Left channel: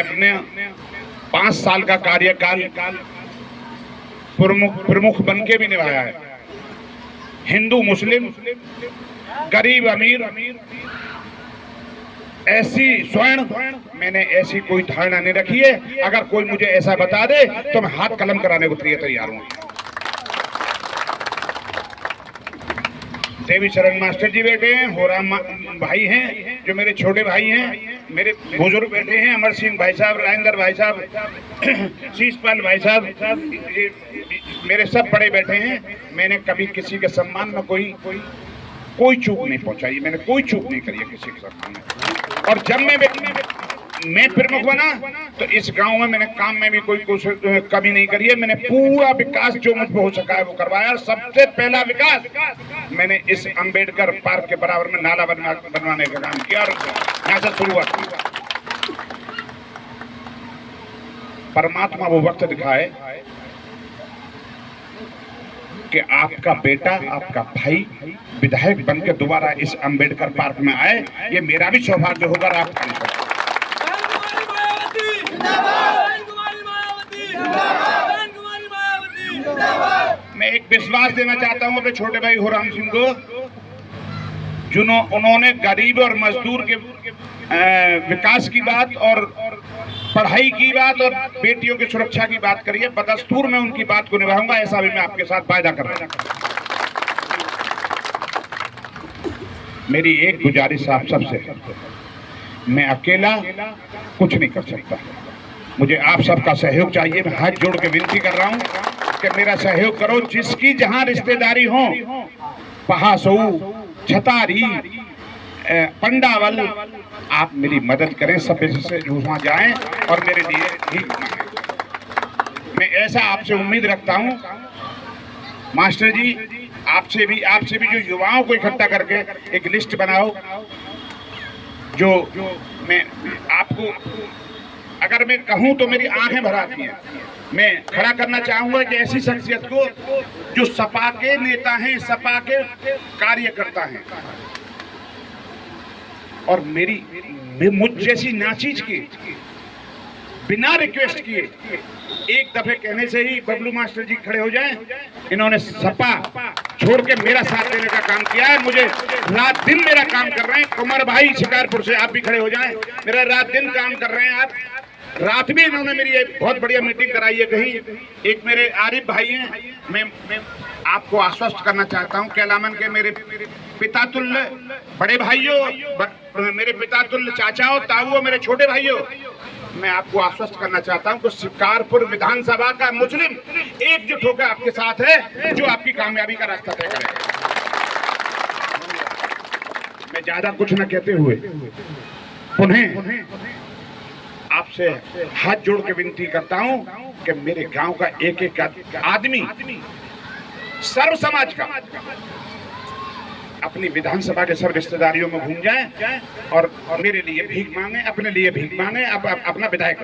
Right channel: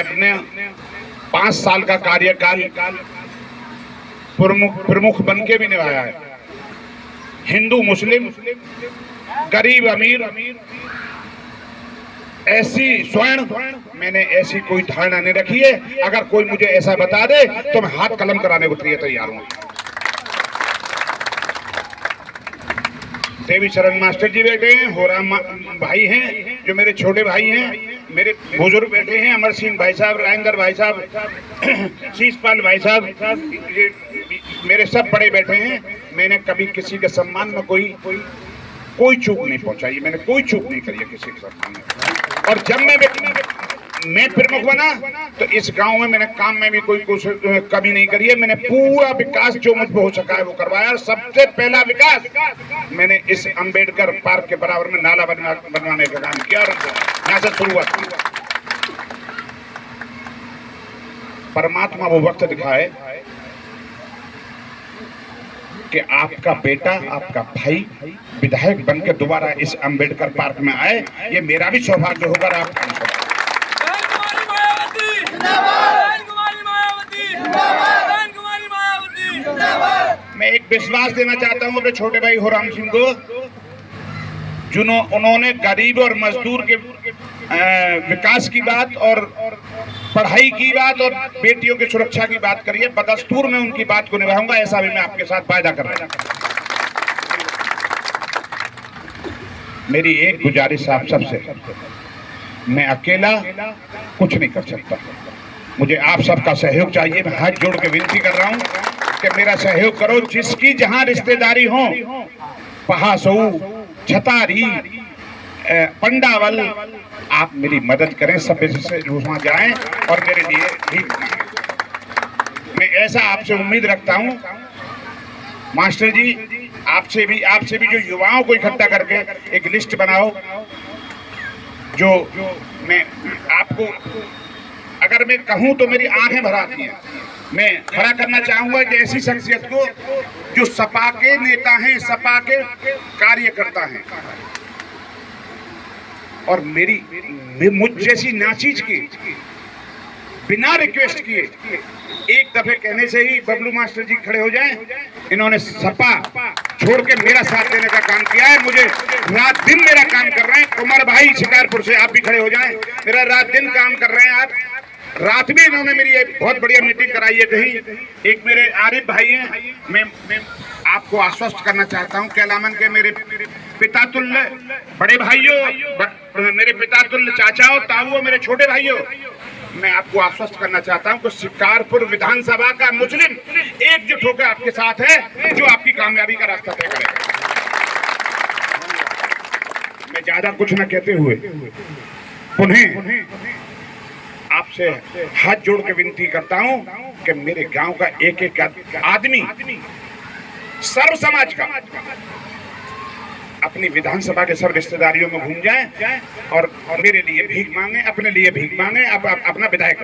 अपने 5 साल का कार्यकाल प्रमुख बन के भी निभाया है। हिंदू मुस्लिम, गरीब अमीर, ऐसी स्वर्ण, मैंने ऐसी कोई धारणा नहीं रखी है। अगर कोई मुझे ऐसा बता दे तो मैं हाथ कलम कराने को तैयार हूं। देवी शरण मास्टर जी बैठे हैं, होराम भाई हैं जो मेरे छोटे भाई हैं, मेरे बुजुर्ग बैठे हैं, अमर सिंह भाई साहब, राजेंद्र भाई साहब, शीशपाल भाई साहब, मेरे सब बड़े बैठे हैं। मैंने कभी किसी के सम्मान में कोई चूक नहीं पहुंचाई, मैंने कोई चूक नहीं करी है किसी के सम्मान में। और जब मैं प्रमुख बना तो इस गांव में मैंने काम में भी कोई कमी नहीं करी है। मैंने पूरा विकास जो मुझ पे हो सका है वो करवाया। सबसे पहला विकास मैंने इस अंबेडकर पार्क के बराबर में नाला बनवाने का काम किया और यहाँ से शुरुआत की। परमात्मा वो वक्त दिखाए कि आपका बेटा, आपका भाई विधायक बनकर दोबारा इस अंबेडकर पार्क में आए, ये मेरा भी सौभाग्य होगा। आपका मैं एक विश्वास देना चाहता हूं अपने छोटे भाई होराम सिंह को, उन्होंने गरीब और मजदूर के विकास की बात और पढ़ाई की बात और बेटियों की सुरक्षा की बात करी है। बदस्तूर में उनकी बात को निभाऊंगा, ऐसा भी मैं आपके साथ वायदा कर रहा हूं। मेरी एक गुजारिश आप सबसे, मैं अकेला कुछ नहीं कर सकता, मुझे आप सबका सहयोग चाहिए। मैं हाथ जोड़ के विनती कर रहा हूं कि मेरा सहयोग करो। जिसकी जहां रिश्तेदारी हो, पहासो, छतारी, पंडावल, आप मेरी मदद करें, सब से वहां जाएं और मेरे लिए ठीक। मैं ऐसा आपसे उम्मीद रखता हूं मास्टर जी, आपसे भी जो युवाओं को इकट्ठा करके एक लिस्ट बनाओ, जो मैं आपको अगर मैं कहूं तो मेरी आंखें भर आती हैं। मैं खड़ा करना चाहूंगा कि ऐसी शख्सियत को जो सपा के नेता हैं, सपा के कार्यकर्ता हैं और मुझ जैसी नाचीज की बिना रिक्वेस्ट किए एक दफे कहने से ही बबलू मास्टर जी खड़े हो जाएं। इन्होंने सपा छोड़ के मेरा साथ देने का काम किया है। मुझे रात दिन मेरा काम कर रहे हैं। कुमार भाई शिकारपुर से आप भी खड़े हो जाएं, मेरा रात दिन काम कर रहे हैं आप। रात भी इन्होंने मेरी एक बहुत बढ़िया मीटिंग कराई है कहीं। एक मेरे आरिफ भाई हैं, मैं आपको आश्वस्त करना चाहता हूं, कैलामन के मेरे पिता तुल्य बड़े भाइयों, मेरे पिता तुल्य चाचाओ, ताऊओ, मेरे छोटे भाइयों, मैं आपको आश्वस्त करना चाहता हूं कि शिकारपुर विधानसभा का मुस्लिम एकजुट होकर आपके साथ है, जो आपकी कामयाबी का रास्ता तय करेगा। मैं ज्यादा कुछ न कहते हुए पुनः आपसे हाथ जोड़ के विनती करता हूं कि मेरे गांव का एक एक आदमी, सर्व समाज का, अपनी विधानसभा के सब रिश्तेदारियों में घूम जाए और मेरे लिए भीख मांगे, अपने लिए भीख मांगे, अपना विधायक